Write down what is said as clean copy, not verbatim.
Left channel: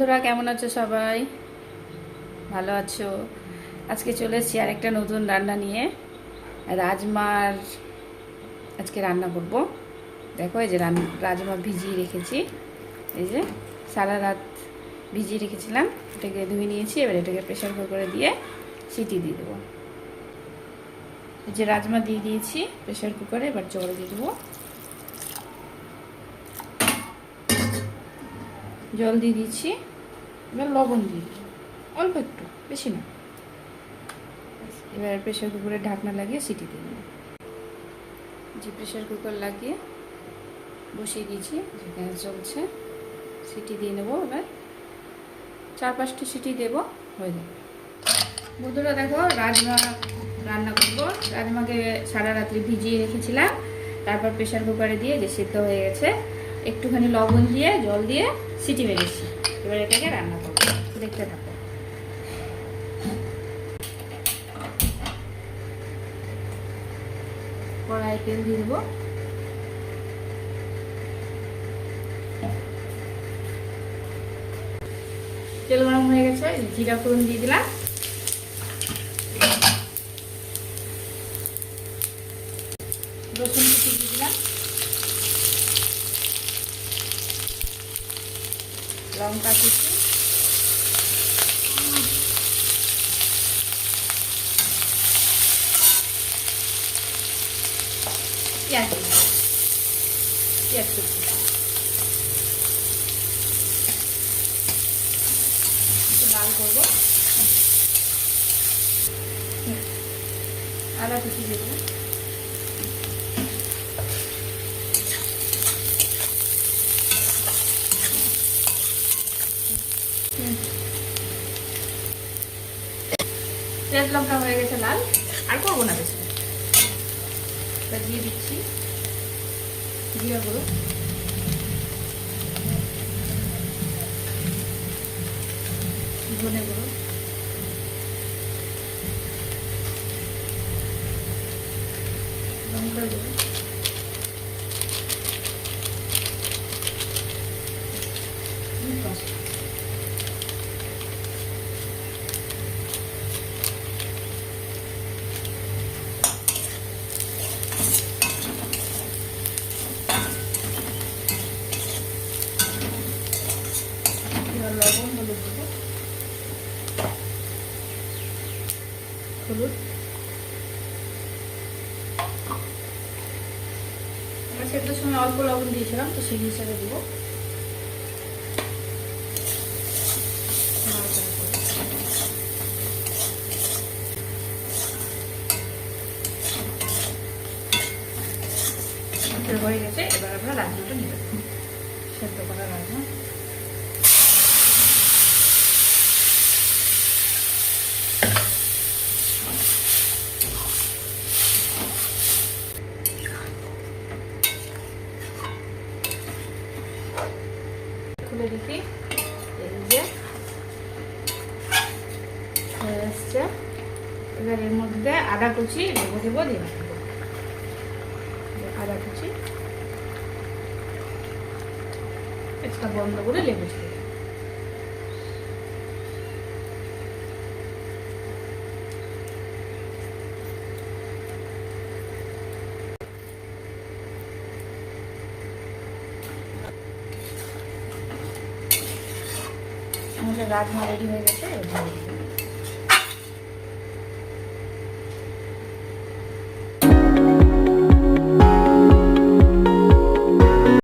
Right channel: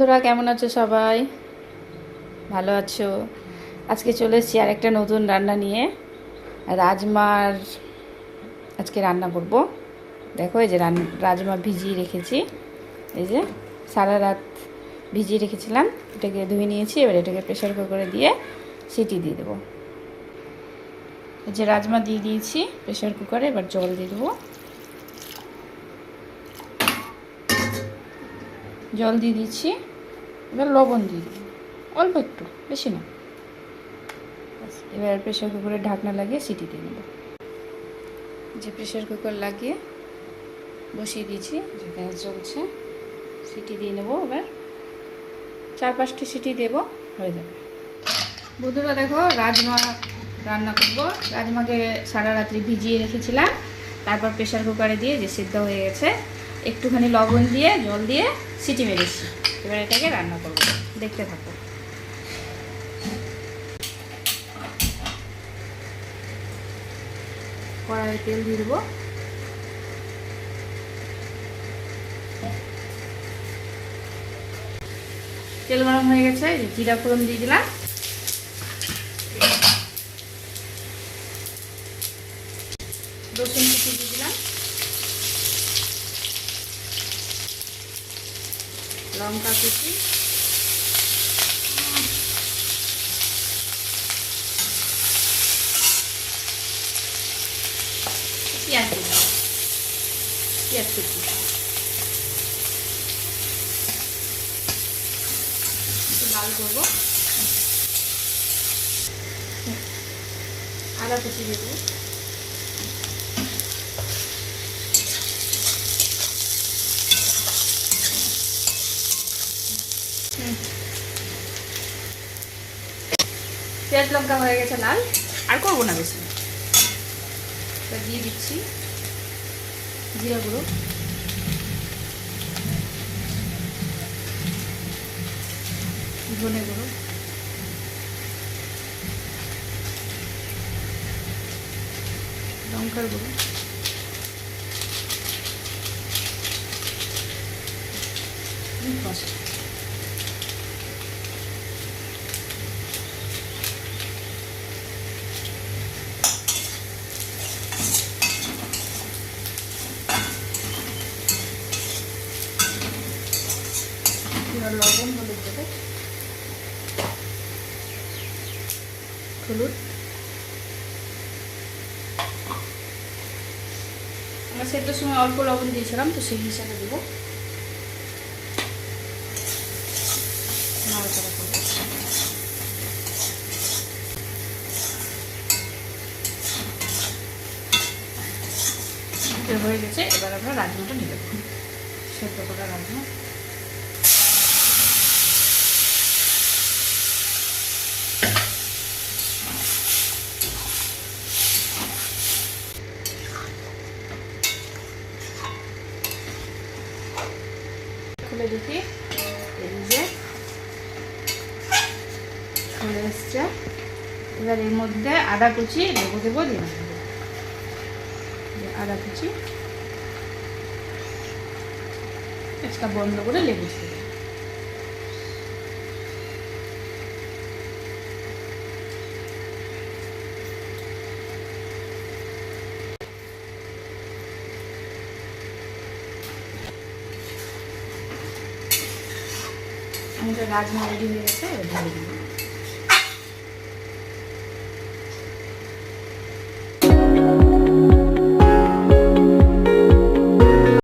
বন্ধুরা কেমন আছো সবাই? ভালো আছো? আজকে চলে এসেছি আর একটা নতুন রান্না নিয়ে। রাজমার আজকে রান্না করব। দেখো এই যে রাজমা ভিজিয়ে রেখেছি, এই যে সারা রাত ভিজিয়ে রেখেছিলাম, এটাকে ধুয়ে নিয়েছি। এবার এটাকে প্রেশার কুকারে দিয়ে সিটি দিয়ে দেবো। এই যে রাজমা দিয়ে দিয়েছি প্রেশার কুকারে, এবার জল দিয়ে দেবো। জল দিয়ে দিচ্ছি, এবার লবণ দিয়ে দিই অল্প একটু, বেশি না। এবার প্রেশার কুকারের ঢাকনা লাগিয়ে সিটি দিয়ে নেব। যে প্রেশার কুকার লাগিয়ে বসিয়ে দিয়েছি, গ্যাস জ্বলছে, সিটি দিয়ে নেব। এবার 4-5টি সিটি দেব, হয়ে যাবে। বন্ধুরা দেখো, রাজমা রান্না করবো। রাজমাকে সারা রাত্রি ভিজিয়ে রেখেছিলাম, তারপর প্রেশার কুকারে দিয়ে যে সিদ্ধ হয়ে গেছে, একটুখানি লবণ দিয়ে জল দিয়ে সিটি মেরেছি। এবার এটাকে রান্না করবো, দেখতে থাকো। কড়াইয়ে তেল দিয়ে দেবো। তেল গরম হয়ে গেছে, জিরা ফোড়ন দিয়ে দিলাম। রসুন কুচি দিয়ে দিলাম, লঙ্কা কুচি, পেঁয়াজ কুচি, লাল করবো। আদা কুচি দেবো, পেঁয়াজ লঙ্কা হয়ে গেছে লাল, আর করবো না বেশি। দিয়ে দিচ্ছি জিরা গুঁড়ো, ধনে গুঁড়ো, লঙ্কা গুঁড়ো, লবণ, হলুদ দেবো, হলুদ। আমরা সেটার সময় অল্প লবণ দিয়েছিলাম, তো সেই হিসেবে দেবো। হয়ে গেছে, এবার আমরা রাজমাটা নিয়ে রাখবো। সেদ্ধ করা রাজমা খুলে দেখি, এই যে হয়ে এসছে। এবার এর মধ্যে আদা কুচি লেবু দেবো, দিয়ে দেবো আদা কুচি, একটা বন্ধ করে লেবু দেবো। আমাদের রাজমা রেডি হয়ে গেছে, ঢেলে দিব।